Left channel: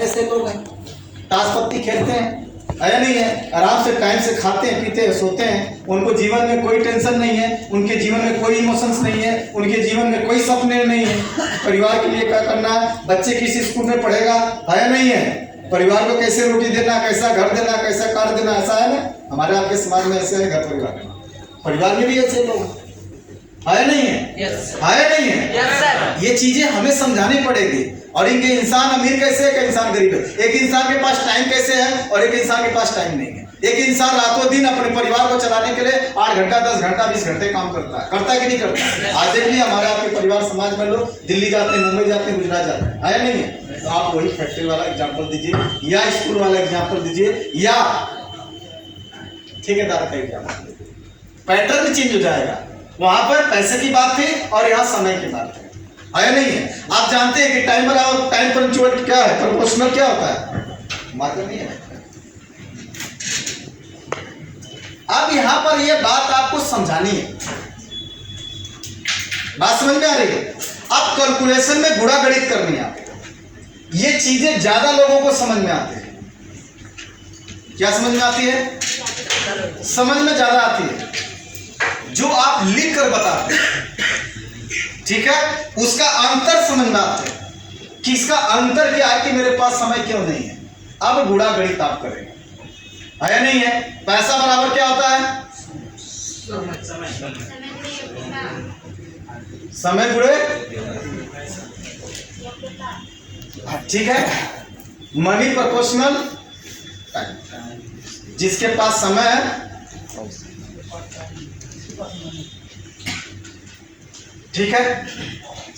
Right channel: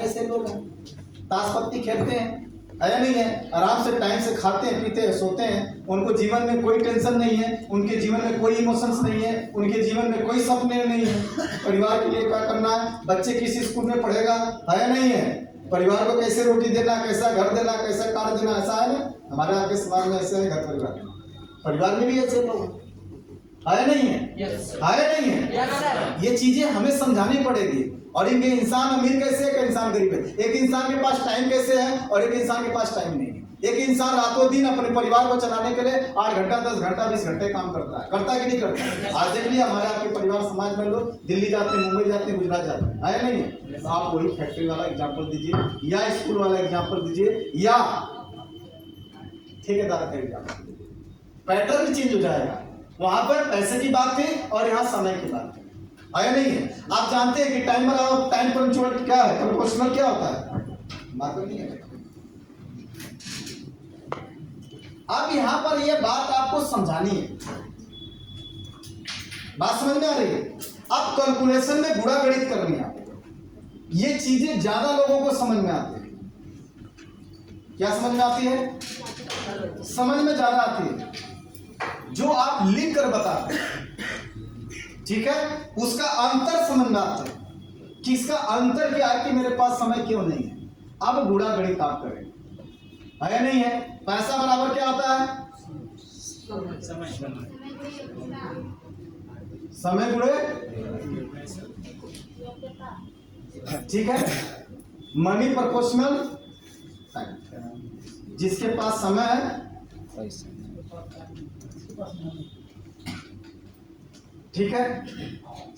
ऐसे लोग हैं, ताश पत्ती खेलते हैं, है नहीं है, आराम से टाइम से खाते हैं, पीते हैं, सोते हैं, उनको जीवन में कोई टेंशन नहीं है, उनके जीवन में कोई इमोशंस नहीं है, उनके जीवन में कोई सपने नहीं है। परिवार के लिए क्या करना है, बच्चे किस स्कूल में पढ़ेगा, है नहीं है, परिवार को कैसे रोटी देना, कैसा घर देना, कैसा कार देना, ऐसा है ना। हमारे आपके समाज में ऐसे है, घर परिवार में भी ऐसे लोग है नहीं है, है नहीं है। ये चीजें हमें समझानी पड़ेगी। और इनके इंसान अमीर कैसे है, एक इंसान गरीब है, एक इंसान के पास टाइम कैसे है और एक इंसान के पास टाइम नहीं है। एक इंसान रातों दिन अपने परिवार को चलाने के लिए 8 घंटा 10 घंटा 20 घंटे काम करता है कि नहीं करता। आज देख लिया हमारे आपके परिवार समाज में लोग दिल्ली जाते हैं, मुंबई जाते हैं, गुजरात जाते हैं, है नहीं है। तो आप वही फैक्ट्री वाला एग्जाम्पल दीजिए या स्कूल वाला एग्जाम्पल दीजिए या ठेकेदार का एग्जाम्पल दीजिए, पैटर्न चेंज हो जाएगा। वहां पर पैसे की बात थी और यहाँ समय की बात है नहीं है। आप जानते हैं कि टाइमर और टाइम पंक्चुअल क्या है, प्रोपोर्शनल क्या होता है, मालूम नहीं है। अब यहां पर ये बात आपको समझानी है, बात समझ में आ रही है। अब कैलकुलेशन में गुणा गणित करनी है आपको। ये चीजें ज्यादा लोगों को समझ में आती है। क्या समझ में आती है, समझ में ज्यादा आती है जो आप लिख कर बताते हैं, ठीक है, उसका अंतर समझ में आते हैं कि इसका अंतर क्या है कि मेरे पास समय क्यों नहीं है। अब गुणा गणित आप करेंगे, है नहीं है। पैसा बराबर क्या होता है, समय गुणे, ठीक है, मनी प्रोपोर्शनल टाइम। जिसके पास समय है, ठीक है,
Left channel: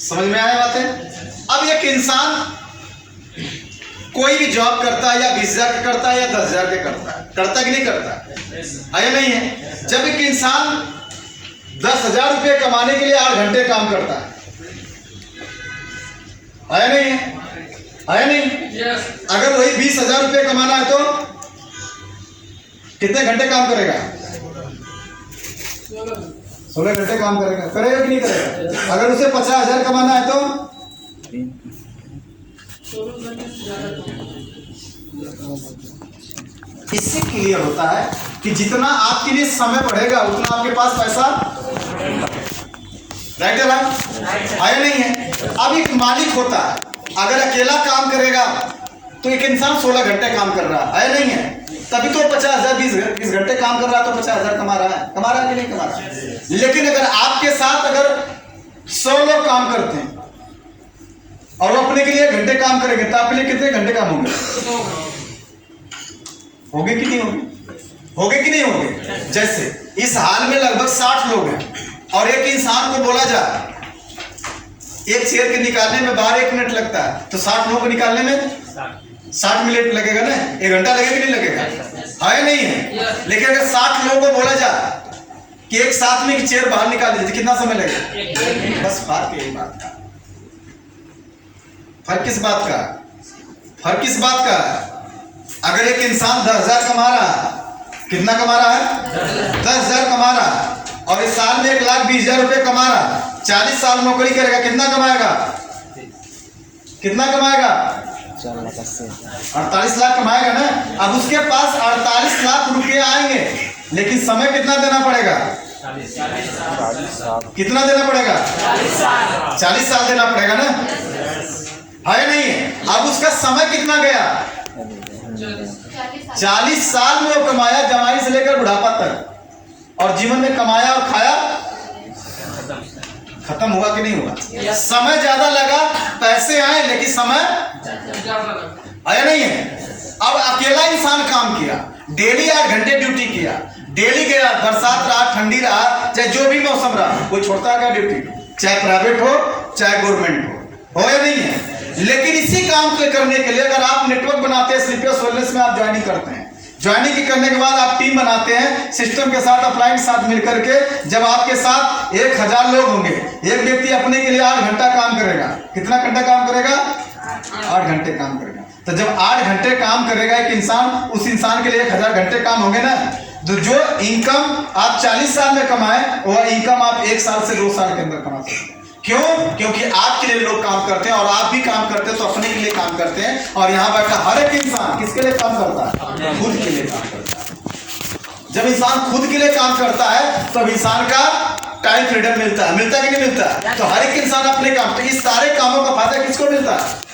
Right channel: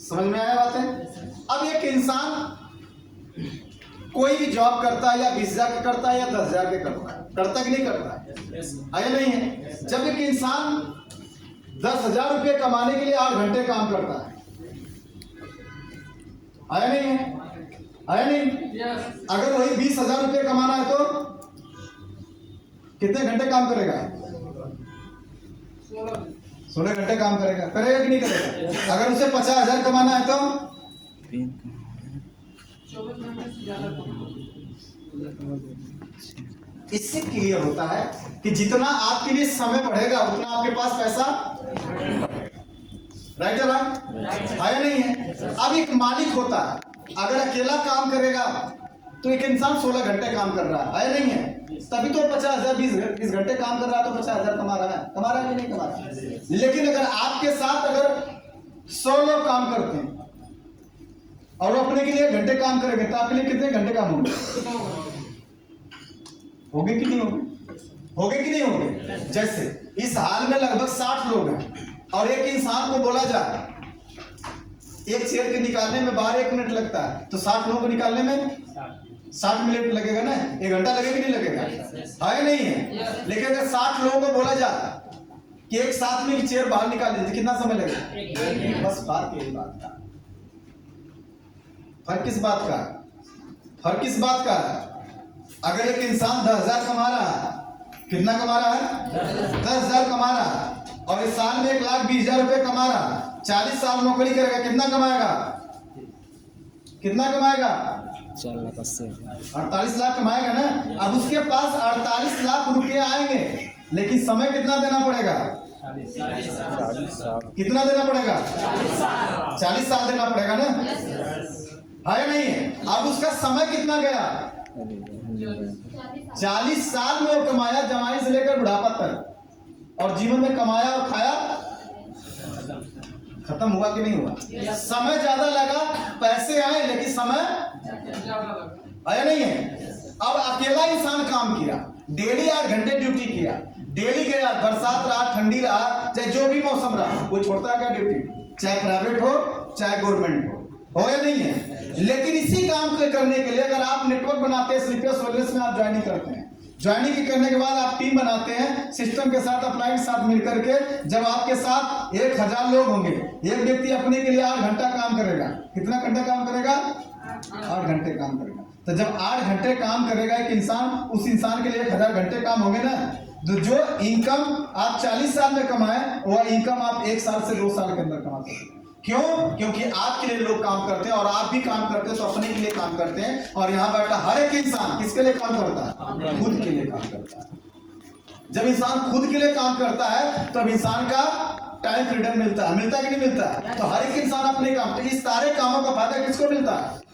समझ में आया बात है। अब एक इंसान कोई भी जॉब करता है या 20,000 के करता है या 10,000 के करता है कि नहीं करता है या नहीं है। जब एक इंसान 10,000 रुपये कमाने के लिए 8 घंटे काम करता है नहीं है नहीं। अगर वही 20,000 रुपये कमाना है तो कितने घंटे काम करेगा, 16 घंटे काम करेगा कि नहीं करेगा। अगर उसे 50,000 कमाना है तो इससे क्लियर होता है कि जितना आपके लिए समय बढ़ेगा उतना आपके पास पैसा, राइट है ना, आया नहीं है। अब एक मालिक होता है, अगर अकेला काम करेगा तो एक इंसान 16 घंटे काम कर रहा है नहीं है, तभी तो 50,000 20 घंटे काम कर रहा है तो 50,000 कमा रहा है कि नहीं कमा रहा है। लेकिन अगर आपके साथ अगर 100 लोग काम करते हैं और वो अपने के लिए घंटे काम करेंगे तो आपके लिए कितने घंटे काम होंगे, होंगे कि नहीं होंगे। जैसे इस हाल में लगभग 60 लोग हैं और एक इंसान को बोला जाए एक चेयर के निकालने में बाहर 1 मिनट लगता है, तो 60 लोग को निकालने में 60 मिनट लगेगा ना, 1 घंटा लगेगा कि नहीं लगेगा, है नहीं है। लेकिन अगर 60 लोगों को बोला जाए कि एक साथ में की चेयर बाहर निकाल दीजिए, कितना समय लगेगा। बस फर्क यही बात का, फर्क किस बात का है। अगर एक इंसान 10,000 कमा रहा है, कितना कमा रहा है, 10,000 कमा रहा है, और इस साल में 1,20,000 रुपये कमा रहा है, 40 साल नौकरी करेगा, कितना कमाएगा 48 लाख कमाएगा ना। अब उसके पास 48 लाख रुपये आएंगे, लेकिन समय कितना देना पड़ेगा, कितना देना पड़ेगा, 40 साल देना पड़ेगा ना, है नहीं है। अब उसका समय कितना गया, 40 साल में वो कमाया, जवानी से लेकर बुढ़ापा तक, और जीवन में कमाया और खाया, खत्म हुआ कि नहीं हुआ। समय ज्यादा लगा, पैसे आए लेकिन समय आया नहीं है। अब अकेला इंसान काम किया, डेली 8 घंटे ड्यूटी किया, डेली गया, बरसात रहा, ठंडी रहा, चाहे जो भी मौसम रहा, कोई छोड़ता है क्या ड्यूटी, चाहे प्राइवेट हो चाहे गवर्नमेंट हो या नहीं है। लेकिन इसी काम को करने के लिए अगर आप नेटवर्क बनाते हैं, स्लीपर्स वेलनेस में आप ज्वाइनिंग करते हैं, ज्वाइनिंग करने के बाद आप टीम बनाते हैं सिस्टम के साथ, अपलाइन के साथ मिलकर के, जब आपके साथ 1,000 लोग होंगे, एक व्यक्ति अपने के लिए 8 घंटा काम करेगा, कितना घंटा काम करेगा, 8 घंटे काम करेगा। तो जब 8 घंटे काम करेगा एक इंसान, उस इंसान के लिए 1,000 घंटे काम होंगे ना। तो जो इनकम आप 40 साल में कमाए, वह इनकम आप 1 साल से 2 साल के अंदर कमा सकते हैं। क्यों? क्योंकि आपके लिए लोग काम करते हैं और आप भी काम करते हैं तो अपने के लिए काम करते हैं। और यहाँ बैठा हर एक इंसान किसके लिए काम करता है? खुद के लिए काम करता है। जब इंसान खुद के लिए काम करता है तब इंसान का टाइम फ्रीडम मिलता है। मिलता है कि नहीं मिलता? तो हर एक इंसान अपने काम, तो इस सारे कामों का फायदा किसको मिलता है?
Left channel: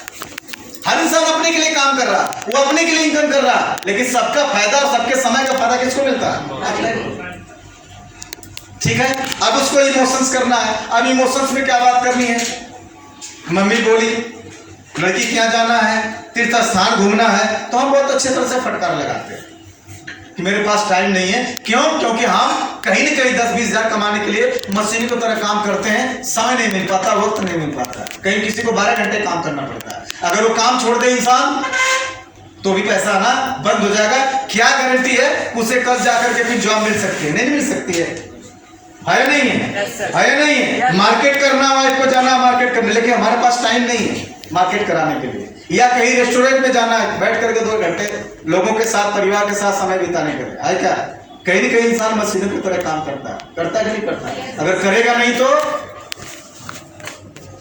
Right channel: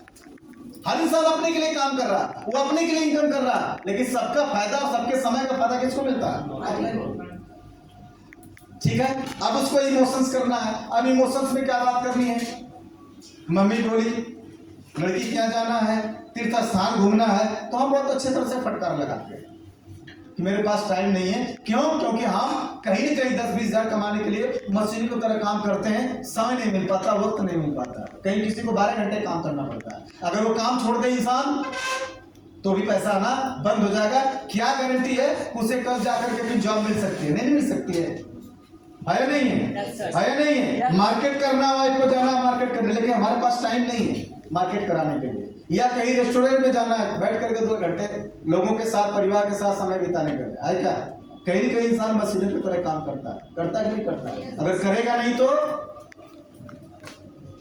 हर इंसान अपने के लिए काम कर रहा, वो अपने के लिए इनकम कर रहा, लेकिन सबका फायदा और सबके समय का फायदा किसको मिलता है? ठीक है। अब उसको इमोशंस करना है। अब इमोशंस में क्या बात करनी है? मम्मी बोली लड़की के यहाँ जाना है, तीर्थ स्थान घूमना है, तो हम बहुत अच्छे तरह से फटकार लगाते हैं कि मेरे पास टाइम नहीं है। क्यों? क्योंकि हम कहीं न कहीं 10-20 हजार कमाने के लिए मशीन की तरह काम करते हैं, समय नहीं मिल पाता, वक्त नहीं मिल पाता। कहीं किसी को 12 घंटे काम करना पड़ता है। अगर वो काम छोड़ दे इंसान तो भी पैसा आना बंद हो जाएगा। क्या गारंटी है उसे कल जाकर के फिर जॉब मिल सकती है? नहीं मिल सकती है। है नहीं है? है नहीं है? मार्केट करना, वाइफ को जाना मार्केट करने, लेकिन हमारे पास टाइम नहीं है मार्केट कराने के लिए। या कहीं रेस्टोरेंट में जाना है, बैठ करके 2 घंटे लोगों के साथ, परिवार के साथ समय बिताने के लिए, है क्या? कहीं न कहीं इंसान मशीनों की तरह काम करता है कि नहीं करता? अगर करेगा नहीं तो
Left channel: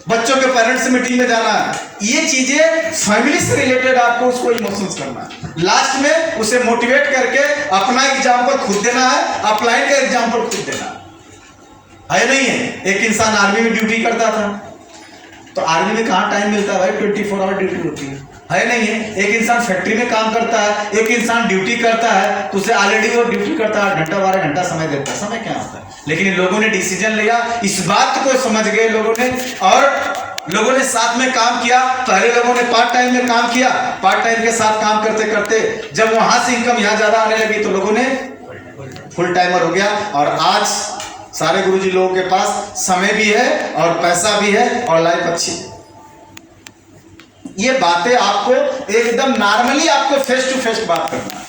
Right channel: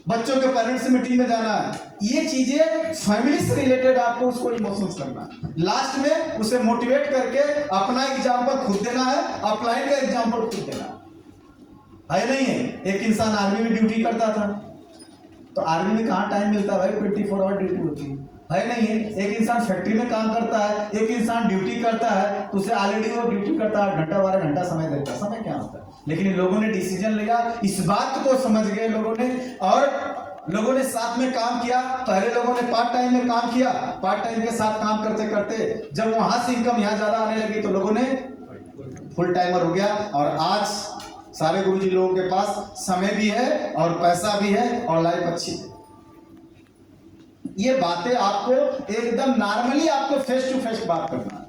बच्चों के पेरेंट्स मीटिंग में जाना है, ये चीजें फैमिली से रिलेटेड आपको उसको इमोशंस करना है। लास्ट में उसे मोटिवेट करके अपना एग्जाम्पल खुद देना है, अपलाइन का एग्जाम्पल खुद देना है नहीं है? एक इंसान आर्मी में ड्यूटी करता था, तो आर्मी में कहाँ टाइम मिलता है भाई? 24 आवर ड्यूटी होती है नहीं है? एक इंसान फैक्ट्री में काम करता है, एक इंसान ड्यूटी करता है, तो उसे ऑलरेडी वो ड्यूटी करता है 8 घंटा 12 घंटा समय देता है। समय क्या होता है? लेकिन इन लोगों ने डिसीजन लिया, इस बात को समझ गए लोगों ने, और लोगों ने साथ में काम किया। पहले लोगों ने पार्ट टाइम में काम किया, पार्ट टाइम के साथ काम करते करते जब वहां से इनकम यहाँ ज्यादा आने लगी तो लोगों ने फुल टाइमर हो गया। और आज सारे गुरुजी लोगों के पास समय भी है और पैसा भी है और लाइफ अच्छी है। ये बातें आपको एकदम नॉर्मली आपको फेस टू फेस बात करना है,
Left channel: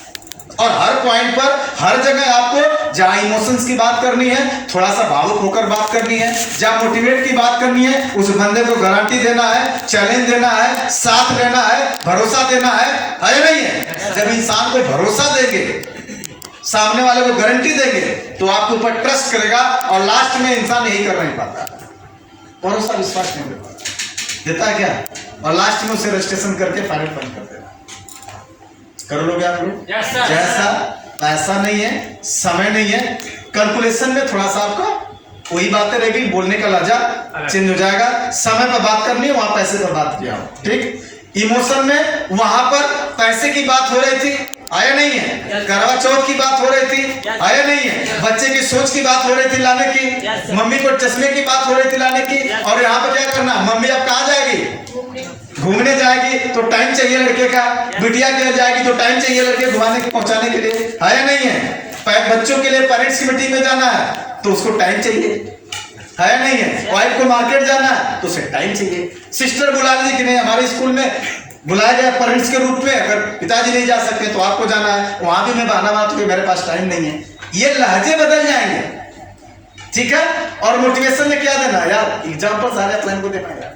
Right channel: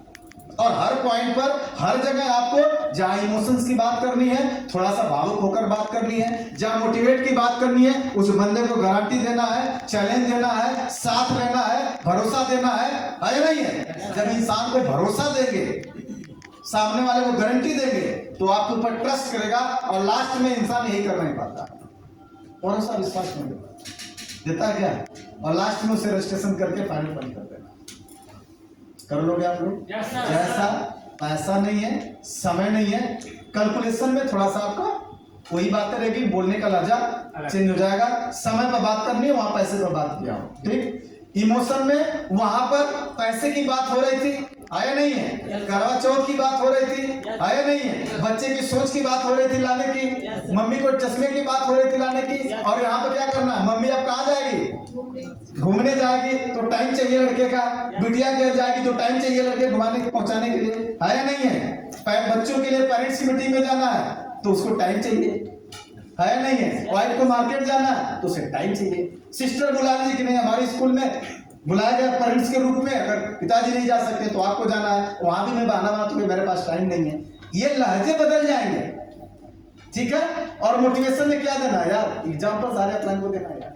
और हर पॉइंट पर हर जगह आपको जहां इमोशंस की बात करनी है, थोड़ा सा भावुक होकर बात करनी है, जहां मोटिवेट की बात करनी है, उस बंदे को गारंटी देना है, चैलेंज देना है, साथ देना है, भरोसा देना है नहीं है? जब इंसान को भरोसा देंगे, सामने वाले को गारंटी देंगे, तो आपके ऊपर ट्रस्ट करेगा। और लास्ट में इंसान यही कर नहीं पाता, भरोसा विश्वास नहीं देता है क्या? और लास्ट में उसे रजिस्ट्रेशन करके फाइल बंद कर देना। कर लोगे आप लोग? जैसा पैसा नहीं है, समय नहीं है, कैलकुलेशन में थोड़ा सा आपको वही बातें रहेगी, बोलने का लहजा चेंज हो जाएगा। समय पर बात करनी है, वहां पैसे पर बात किया हो, ठीक? इमोशन में वहां पर पैसे की बात हो रही थी, आया नहीं है? करवा चौथ की बात हो रही थी, आया नहीं है? बच्चे की सोच की बात हो रही थी लाने की, मम्मी को चश्मे की बात हो रही थी लाने की, और यहाँ पे क्या करना? मम्मी अब कहाँ जाएगी? घूमने जाएगी तो टाइम चाहिए लड़के का, बिटिया के लिए जाएगी तो टाइम चाहिए लड़के घुमाने पहुंचाने के लिए, आया नहीं है? बच्चों के लिए पेरेंट्स की मीटिंग में जाना है तो उसको टाइम चाहिए, है नहीं है? वाइफ को मार्केट जाना है तो उसे टाइम चाहिए। सिस्टर बुला ली कि नहीं, हमारे स्कूल में बुलाया गया पेरेंट्स के रूप में, अगर पिताजी नहीं जा सकते तो आपको जाना है, वहां भी मैं बहाना मारता हूं मेरे पास टाइम नहीं है। ये लहजे बदल जाएंगे, ठीक है? और मोटिवेशन में क्या देना यार? एग्जाम्पल सारे अपने को देना यार।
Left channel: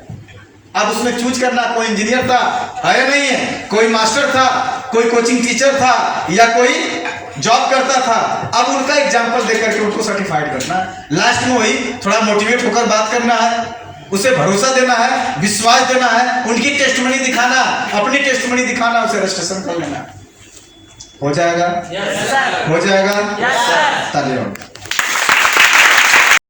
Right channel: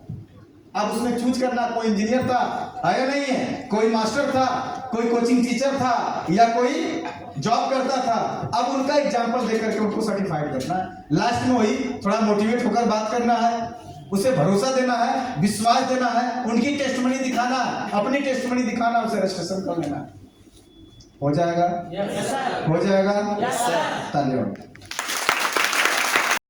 अब उसमें चूज करना, कोई इंजीनियर था, है नहीं है? कोई मास्टर था, कोई कोचिंग टीचर था, या कोई जॉब करता था। अब उनका एग्जाम्पल देकर के उनको सर्टिफाइड करना, लास्ट में वही थोड़ा मोटिवेट होकर बात करना है, उसे भरोसा देना है, विश्वास देना है, उनकी टेस्टमनी दिखाना, अपनी टेस्टमनी दिखाना, उसे रजिस्ट्रेशन कर लेना। हो जाएगा? हो जाएगा? तालियां।